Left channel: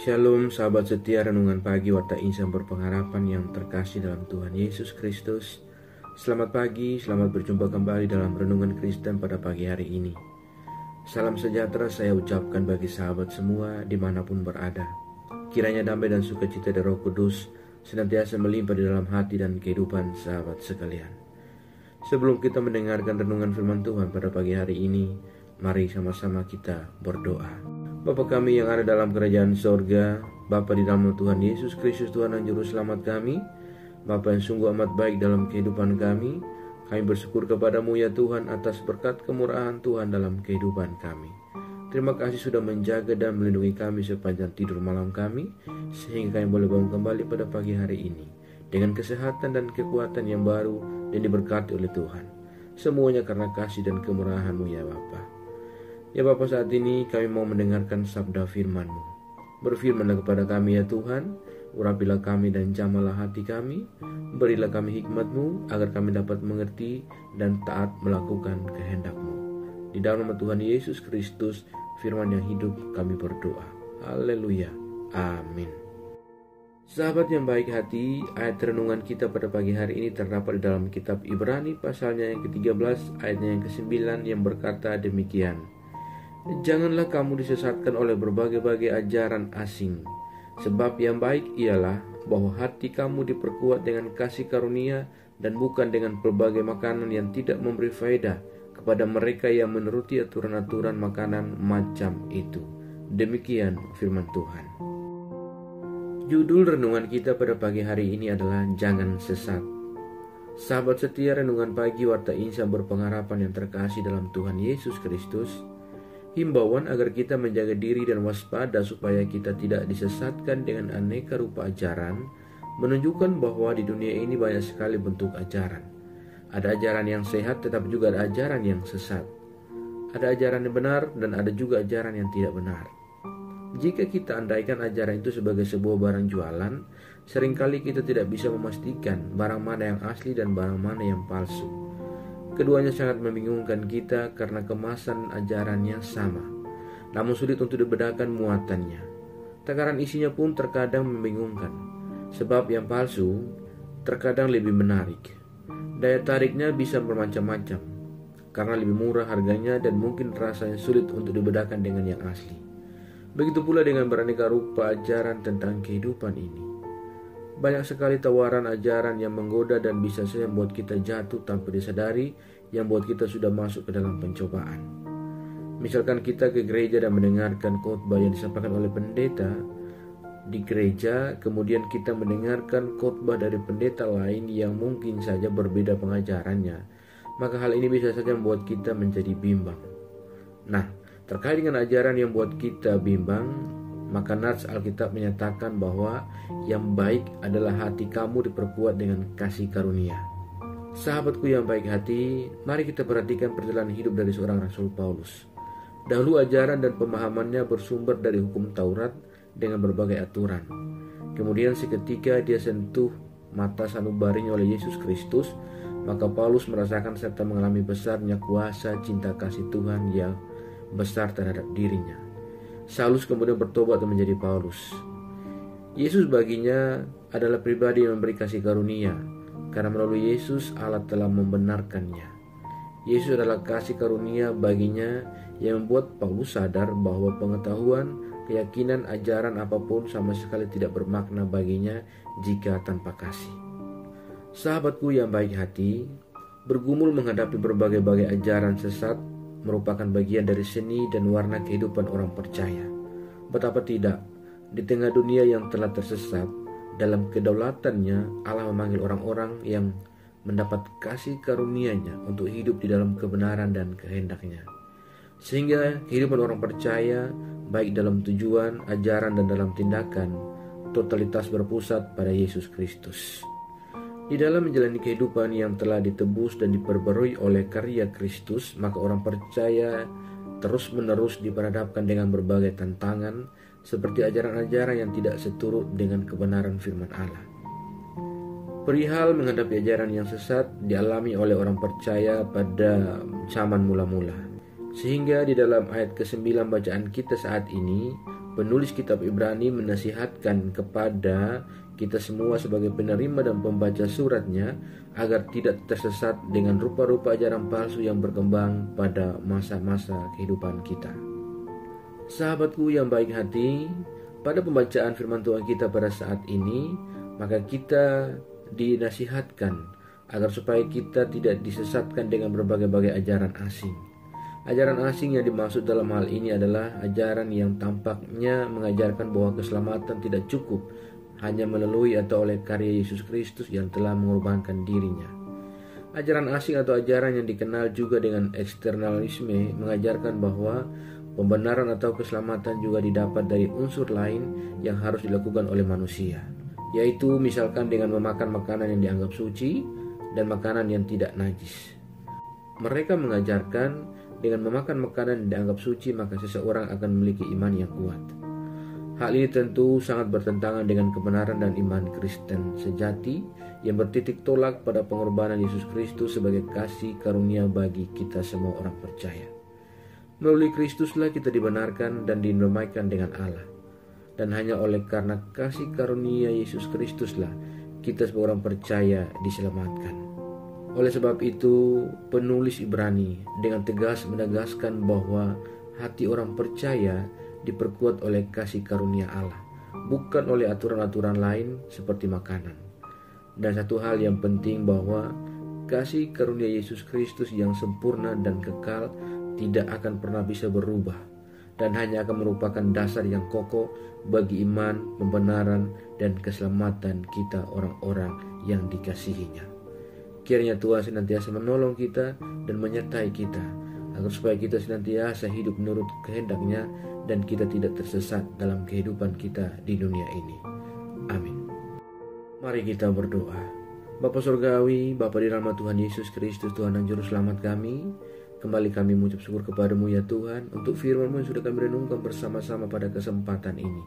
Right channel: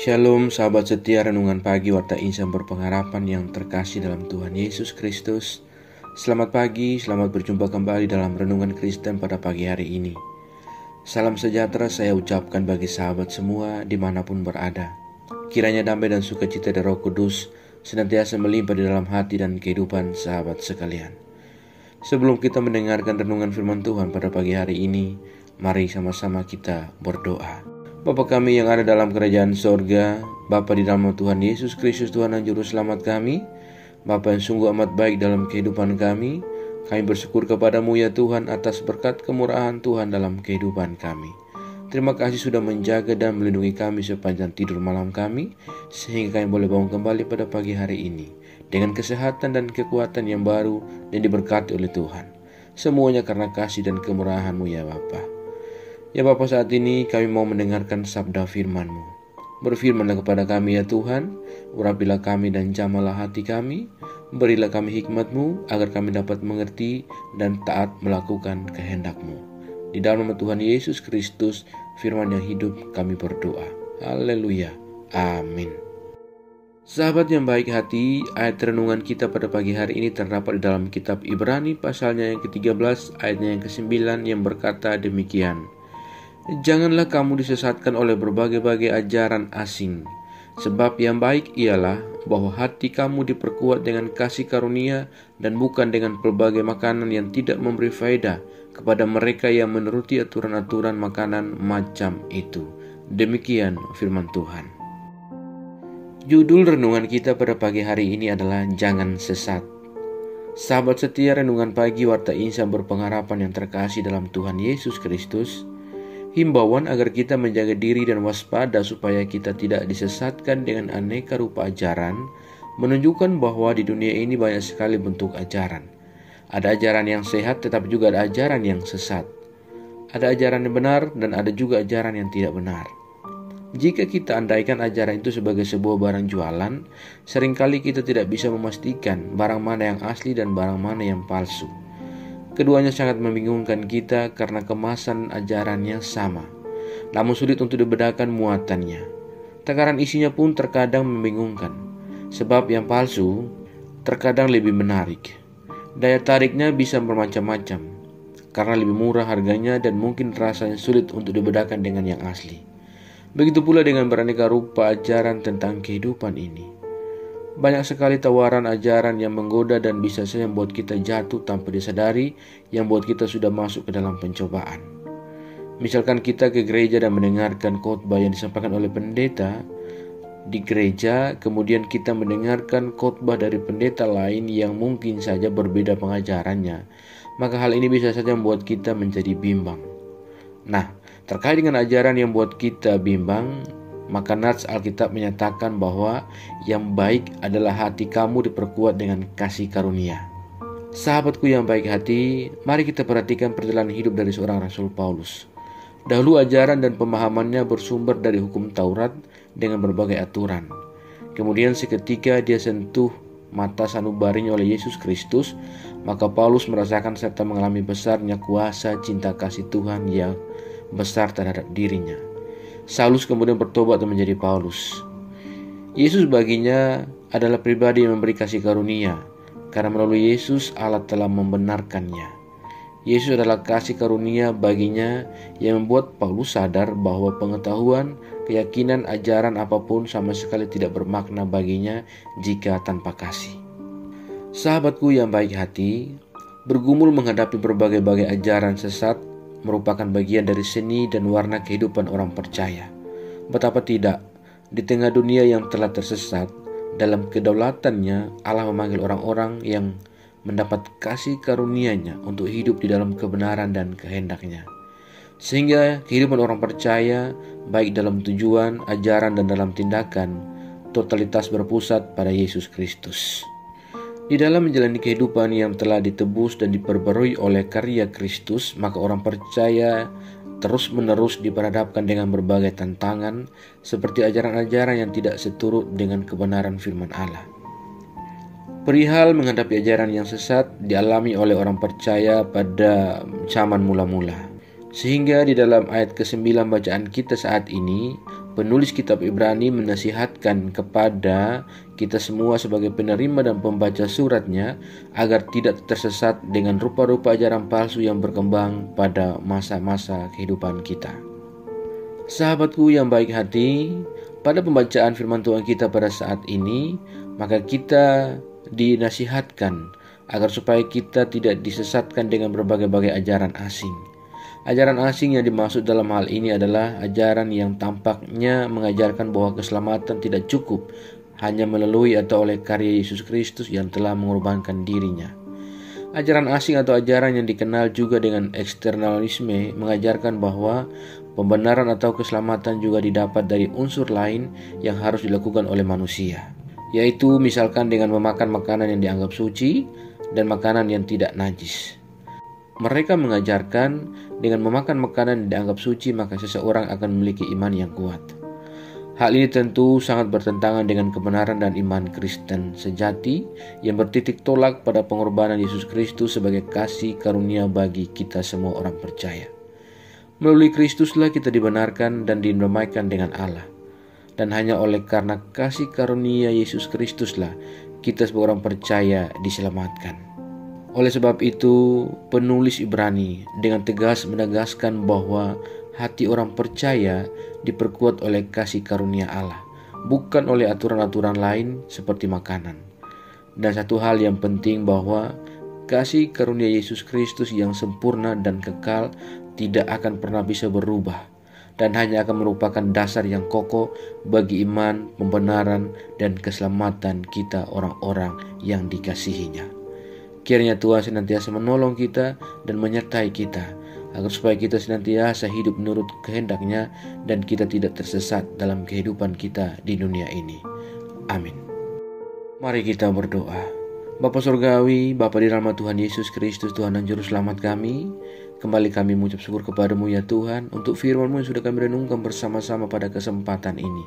Shalom sahabat setia renungan pagi Warta Insan berpengharapan yang terkasih dalam Tuhan Yesus Kristus. Selamat pagi, selamat berjumpa kembali dalam Renungan Kristen pada pagi hari ini. Salam sejahtera saya ucapkan bagi sahabat semua dimanapun berada. Kiranya damai dan sukacita dari Roh Kudus senantiasa melimpah di dalam hati dan kehidupan sahabat sekalian. Sebelum kita mendengarkan renungan firman Tuhan pada pagi hari ini, mari sama-sama kita berdoa. Bapa kami yang ada dalam kerajaan sorga, Bapa di dalam Tuhan Yesus Kristus Tuhan dan Juru Selamat kami, Bapa yang sungguh amat baik dalam kehidupan kami bersyukur kepadamu ya Tuhan atas berkat kemurahan Tuhan dalam kehidupan kami. Terima kasih sudah menjaga dan melindungi kami sepanjang tidur malam kami, sehingga kami boleh bangun kembali pada pagi hari ini, dengan kesehatan dan kekuatan yang baru dan diberkati oleh Tuhan. Semuanya karena kasih dan kemurahan-Mu ya Bapa. Ya Bapa, saat ini kami mau mendengarkan sabda firman-Mu. Berfirmanlah kepada kami ya Tuhan, urapilah kami dan jamalah hati kami, berilah kami hikmat-Mu agar kami dapat mengerti dan taat melakukan kehendak-Mu. Di dalam nama Tuhan Yesus Kristus, firman yang hidup kami berdoa. Haleluya. Amin. Sahabat yang baik hati, ayat renungan kita pada pagi hari ini terdapat di dalam kitab Ibrani pasalnya yang ke-13 ayatnya yang ke-9 yang berkata demikian. Janganlah kamu disesatkan oleh berbagai-bagai ajaran asing, sebab yang baik ialah bahwa hati kamu diperkuat dengan kasih karunia dan bukan dengan pelbagai makanan yang tidak memberi faedah kepada mereka yang menuruti aturan-aturan makanan macam itu. Demikian firman Tuhan. Judul renungan kita pada pagi hari ini adalah Jangan Sesat. Sahabat setia renungan pagi Warta Insan berpengharapan yang terkasih dalam Tuhan Yesus Kristus, himbauan agar kita menjaga diri dan waspada supaya kita tidak disesatkan dengan aneka rupa ajaran menunjukkan bahwa di dunia ini banyak sekali bentuk ajaran. Ada ajaran yang sehat tetapi juga ada ajaran yang sesat. Ada ajaran yang benar dan ada juga ajaran yang tidak benar. Jika kita andaikan ajaran itu sebagai sebuah barang jualan, seringkali kita tidak bisa memastikan barang mana yang asli dan barang mana yang palsu. Keduanya sangat membingungkan kita karena kemasan ajarannya sama, namun sulit untuk dibedakan muatannya. Takaran isinya pun terkadang membingungkan, sebab yang palsu terkadang lebih menarik. Daya tariknya bisa bermacam-macam, karena lebih murah harganya dan mungkin rasanya sulit untuk dibedakan dengan yang asli. Begitu pula dengan beraneka rupa ajaran tentang kehidupan ini. Banyak sekali tawaran ajaran yang menggoda dan bisa saja membuat kita jatuh tanpa disadari, yang membuat kita sudah masuk ke dalam pencobaan. Misalkan kita ke gereja dan mendengarkan khotbah yang disampaikan oleh pendeta di gereja, kemudian kita mendengarkan khotbah dari pendeta lain yang mungkin saja berbeda pengajarannya, maka hal ini bisa saja membuat kita menjadi bimbang. Nah, terkait dengan ajaran yang membuat kita bimbang, maka nats Alkitab menyatakan bahwa yang baik adalah hati kamu diperkuat dengan kasih karunia. Sahabatku yang baik hati, mari kita perhatikan perjalanan hidup dari seorang Rasul Paulus. Dahulu ajaran dan pemahamannya bersumber dari hukum Taurat dengan berbagai aturan. Kemudian seketika dia sentuh mata sanubarinya oleh Yesus Kristus, maka Paulus merasakan serta mengalami besarnya kuasa cinta kasih Tuhan yang besar terhadap dirinya. Saulus kemudian bertobat dan menjadi Paulus. Yesus baginya adalah pribadi yang memberi kasih karunia, karena melalui Yesus Allah telah membenarkannya. Yesus adalah kasih karunia baginya yang membuat Paulus sadar bahwa pengetahuan, keyakinan, ajaran apapun sama sekali tidak bermakna baginya jika tanpa kasih. Sahabatku yang baik hati, bergumul menghadapi berbagai-bagai ajaran sesat merupakan bagian dari seni dan warna kehidupan orang percaya. Betapa tidak, di tengah dunia yang telah tersesat, dalam kedaulatannya Allah memanggil orang-orang yang mendapat kasih karunia-Nya untuk hidup di dalam kebenaran dan kehendak-Nya. Sehingga kehidupan orang percaya, baik dalam tujuan, ajaran, dan dalam tindakan, totalitas berpusat pada Yesus Kristus. Di dalam menjalani kehidupan yang telah ditebus dan diperbarui oleh karya Kristus, maka orang percaya terus-menerus diperhadapkan dengan berbagai tantangan, seperti ajaran-ajaran yang tidak seturut dengan kebenaran firman Allah. Perihal menghadapi ajaran yang sesat dialami oleh orang percaya pada zaman mula-mula. Sehingga di dalam ayat ke-9 bacaan kita saat ini, Penulis kitab Ibrani menasihatkan kepada kita semua sebagai penerima dan pembaca suratnya agar tidak tersesat dengan rupa-rupa ajaran palsu yang berkembang pada masa-masa kehidupan kita. Sahabatku yang baik hati, pada pembacaan firman Tuhan kita pada saat ini, maka kita dinasihatkan agar supaya kita tidak disesatkan dengan berbagai-bagai ajaran asing. Ajaran asing yang dimaksud dalam hal ini adalah ajaran yang tampaknya mengajarkan bahwa keselamatan tidak cukup hanya melalui atau oleh karya Yesus Kristus yang telah mengorbankan dirinya. Ajaran asing atau ajaran yang dikenal juga dengan eksternalisme mengajarkan bahwa pembenaran atau keselamatan juga didapat dari unsur lain yang harus dilakukan oleh manusia, yaitu misalkan dengan memakan makanan yang dianggap suci dan makanan yang tidak najis. Mereka mengajarkan dengan memakan makanan yang dianggap suci maka seseorang akan memiliki iman yang kuat. Hal ini tentu sangat bertentangan dengan kebenaran dan iman Kristen sejati yang bertitik tolak pada pengorbanan Yesus Kristus sebagai kasih karunia bagi kita semua orang percaya. Melalui Kristuslah kita dibenarkan dan didamaikan dengan Allah. Dan hanya oleh karena kasih karunia Yesus Kristuslah kita sebagai orang percaya diselamatkan. Oleh sebab itu, penulis Ibrani dengan tegas menegaskan bahwa hati orang percaya diperkuat oleh kasih karunia Allah, bukan oleh aturan-aturan lain seperti makanan. Dan satu hal yang penting bahwa kasih karunia Yesus Kristus yang sempurna dan kekal tidak akan pernah bisa berubah dan hanya akan merupakan dasar yang kokoh bagi iman, pembenaran, dan keselamatan kita orang-orang yang dikasihinya. Kiranya Tuhan senantiasa menolong kita dan menyertai kita, agar supaya kita senantiasa hidup menurut kehendak-Nya dan kita tidak tersesat dalam kehidupan kita di dunia ini. Amin. Mari kita berdoa. Bapa Surgawi, Bapa di dalam Tuhan Yesus Kristus, Tuhan dan Juru Selamat kami, kembali kami mengucap syukur kepadamu ya Tuhan, untuk firman-Mu yang sudah kami renungkan bersama-sama pada kesempatan ini.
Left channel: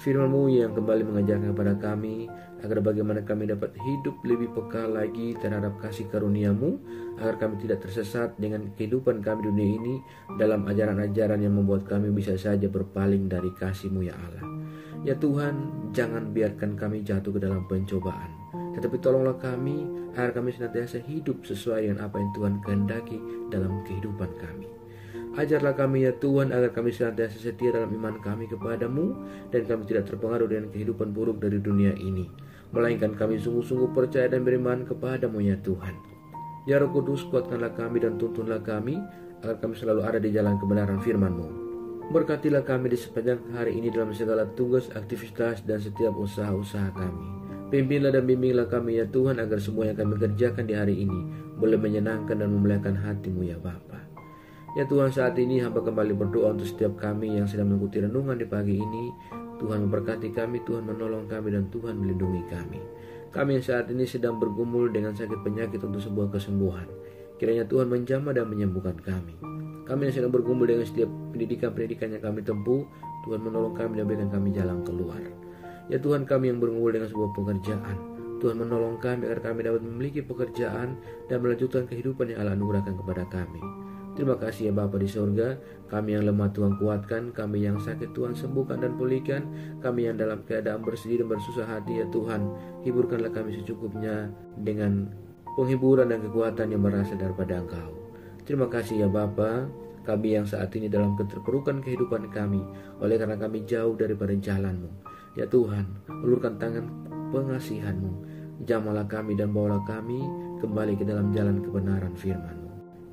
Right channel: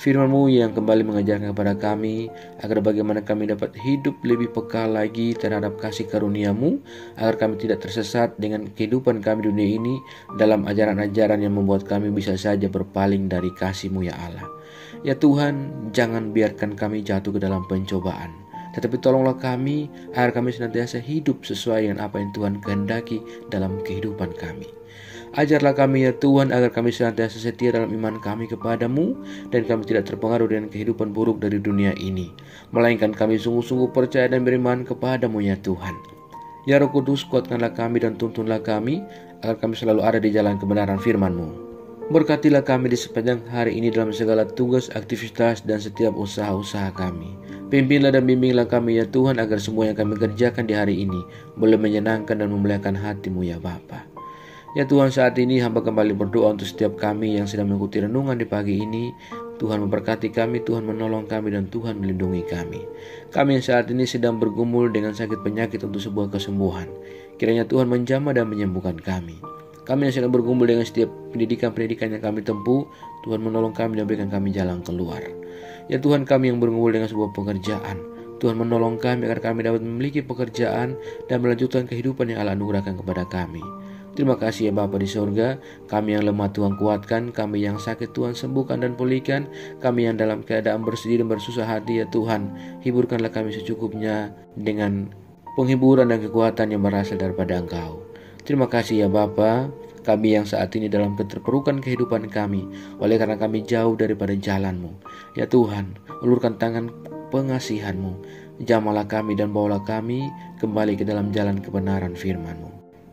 Firman-Mu yang kembali mengajarkan kepada kami agar bagaimana kami dapat hidup lebih peka lagi terhadap kasih karunia-Mu, agar kami tidak tersesat dengan kehidupan kami di dunia ini dalam ajaran-ajaran yang membuat kami bisa saja berpaling dari kasih-Mu ya Allah. Ya Tuhan, jangan biarkan kami jatuh ke dalam pencobaan, tetapi tolonglah kami agar kami senantiasa hidup sesuai dengan apa yang Tuhan kehendaki dalam kehidupan kami. Ajarlah kami ya Tuhan agar kami senantiasa setia dalam iman kami kepadamu dan kami tidak terpengaruh dengan kehidupan buruk dari dunia ini, melainkan kami sungguh-sungguh percaya dan beriman kepadamu ya Tuhan. Ya Roh Kudus, kuatkanlah kami dan tuntunlah kami agar kami selalu ada di jalan kebenaran firman-Mu. Berkatilah kami di sepanjang hari ini dalam segala tugas, aktivitas, dan setiap usaha-usaha kami. Pimpinlah dan bimbinglah kami ya Tuhan agar semua yang kami kerjakan di hari ini boleh menyenangkan dan memuliakan hati-Mu ya Bapa. Ya Tuhan, saat ini hamba kembali berdoa untuk setiap kami yang sedang mengikuti renungan di pagi ini. Tuhan memberkati kami, Tuhan menolong kami, dan Tuhan melindungi kami. Kami yang saat ini sedang bergumul dengan sakit penyakit untuk sebuah kesembuhan, kiranya Tuhan menjamah dan menyembuhkan kami. Kami yang sedang bergumul dengan setiap pendidikan yang kami tempuh, Tuhan menolong kami dan berikan kami jalan keluar. Ya Tuhan, kami yang bergumul dengan sebuah pekerjaan, Tuhan menolong kami agar kami dapat memiliki pekerjaan dan melanjutkan kehidupan yang Allah anugerahkan kepada kami. Terima kasih ya Bapa di surga, kami yang lemah Tuhan kuatkan, kami yang sakit Tuhan sembuhkan dan pulihkan, kami yang dalam keadaan bersedih dan bersusah hati ya Tuhan, hiburkanlah kami secukupnya dengan penghiburan dan kekuatan yang berasal daripada Engkau. Terima kasih ya Bapa, kami yang saat ini dalam keterpurukan kehidupan kami, oleh karena kami jauh daripada jalan-Mu. Ya Tuhan, ulurkan tangan pengasihan-Mu, jamahlah kami dan bawalah kami kembali ke dalam jalan kebenaran firman-Mu.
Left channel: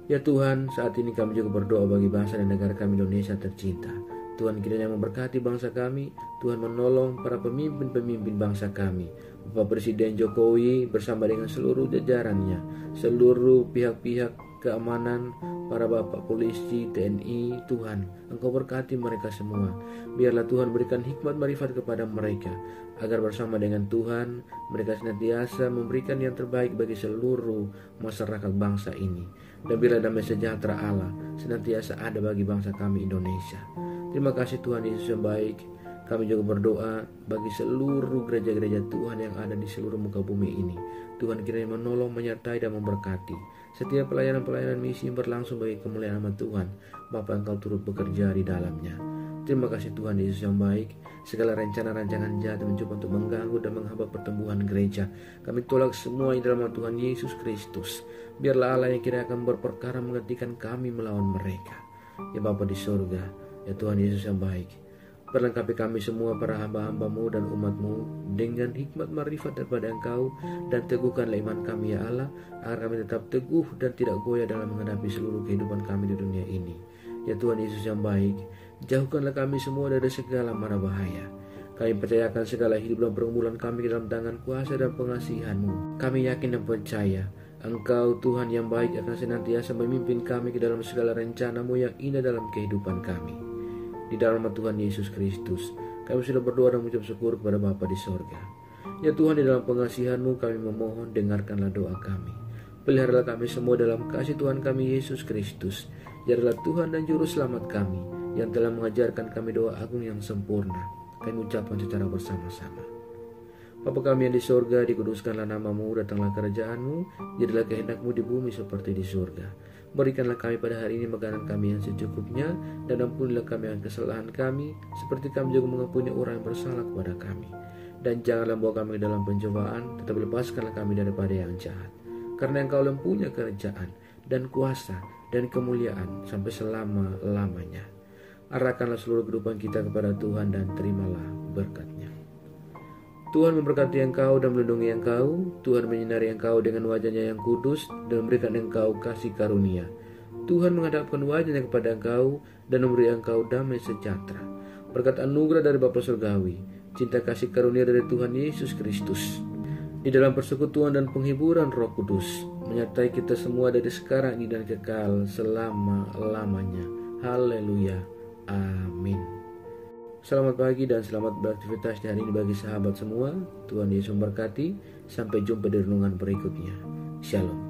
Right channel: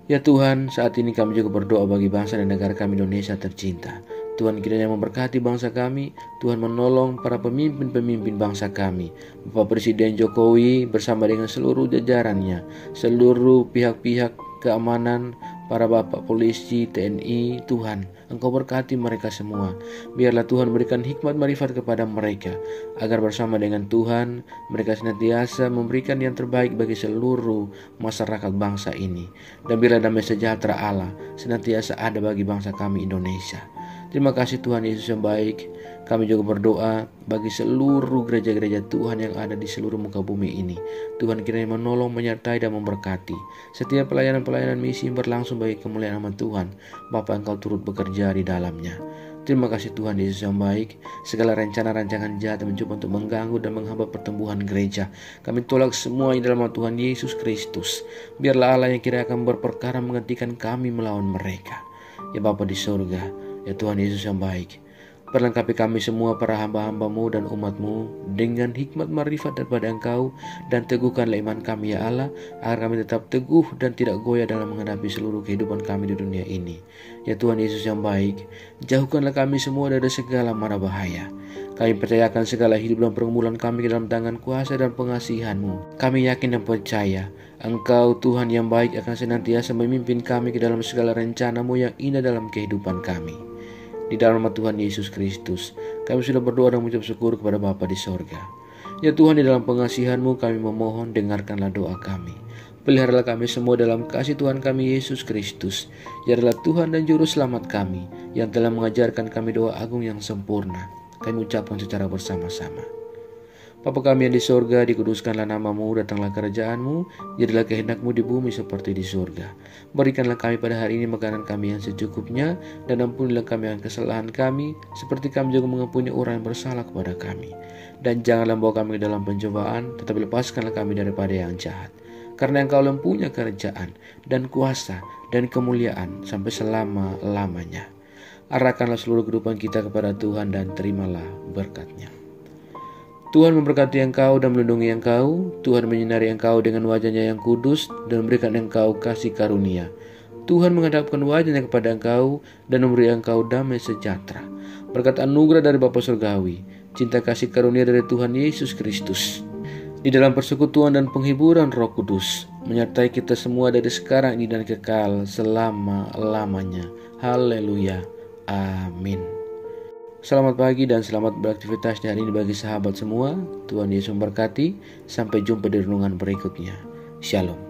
Ya Tuhan, saat ini kami juga berdoa bagi bangsa dan negara kami Indonesia tercinta. Tuhan kiranya memberkati bangsa kami, Tuhan menolong para pemimpin-pemimpin bangsa kami, Bapak Presiden Jokowi bersama dengan seluruh jajarannya, seluruh pihak-pihak keamanan, para bapak polisi, TNI, Tuhan, Engkau berkati mereka semua. Biarlah Tuhan berikan hikmat marifat kepada mereka, agar bersama dengan Tuhan, mereka senantiasa memberikan yang terbaik bagi seluruh masyarakat bangsa ini. Dan biarlah damai sejahtera Allah senantiasa ada bagi bangsa kami Indonesia. Terima kasih Tuhan Yesus yang baik. Kami juga berdoa bagi seluruh gereja-gereja Tuhan yang ada di seluruh muka bumi ini. Tuhan kiranya menolong, menyertai, dan memberkati setiap pelayanan-pelayanan misi yang berlangsung bagi kemuliaan nama Tuhan. Bapa, Engkau turut bekerja di dalamnya. Terima kasih Tuhan Yesus yang baik. Segala rencana rancangan jahat yang mencoba untuk mengganggu dan menghambat pertumbuhan gereja, kami tolak semuanya dalam nama Tuhan Yesus Kristus. Biarlah Allah yang kira akan berperkara menghentikan kami melawan mereka. Ya Bapa di surga, ya Tuhan Yesus yang baik, perlengkapi kami semua para hamba-hamba-Mu dan umat-Mu dengan hikmat marifat daripada Engkau, dan teguhkanlah iman kami ya Allah, agar kami tetap teguh dan tidak goyah dalam menghadapi seluruh kehidupan kami di dunia ini. Ya Tuhan Yesus yang baik, jauhkanlah kami semua dari segala mara bahaya. Kami percayakan segala hidup dan pergumulan kami ke dalam tangan kuasa dan pengasihan-Mu. Kami yakin dan percaya Engkau Tuhan yang baik akan senantiasa memimpin kami ke dalam segala rencana-Mu yang indah dalam kehidupan kami. Di dalam nama Tuhan Yesus Kristus, kami sudah berdoa dan mengucap syukur kepada Bapa di sorga. Ya Tuhan, di dalam pengasihan-Mu kami memohon, dengarkanlah doa kami. Peliharalah kami semua dalam kasih Tuhan kami Yesus Kristus. Dia adalah Tuhan dan Juru Selamat kami, yang telah mengajarkan kami doa agung yang sempurna. Kami ucapkan secara bersama-sama. Bapa kami yang di sorga, dikuduskanlah nama-Mu, datanglah kerajaan-Mu, jadilah kehendak-Mu di bumi seperti di sorga. Berikanlah kami pada hari ini makanan kami yang secukupnya, dan ampunilah kami akan kesalahan kami, seperti kami juga mengampuni orang yang bersalah kepada kami. Dan janganlah bawa kami ke dalam pencobaan, tetapi lepaskanlah kami daripada yang jahat. Karena Engkau mempunyai kerajaan, dan kuasa, dan kemuliaan, sampai selama-lamanya. Arahkanlah seluruh kehidupan kita kepada Tuhan, dan terimalah berkat-Nya. Tuhan memberkati engkau dan melindungi engkau. Tuhan menyinari engkau dengan wajah-Nya yang kudus dan memberikan engkau kasih karunia. Tuhan menghadapkan wajah-Nya kepada engkau dan memberi engkau damai sejahtera. Berkat anugerah dari Bapa Surgawi, cinta kasih karunia dari Tuhan Yesus Kristus, di dalam persekutuan dan penghiburan Roh Kudus, menyertai kita semua dari sekarang ini dan kekal selama-lamanya. Haleluya. Amin. Selamat pagi dan selamat beraktivitas hari ini bagi sahabat semua. Tuhan Yesus memberkati. Sampai jumpa di renungan berikutnya. Shalom.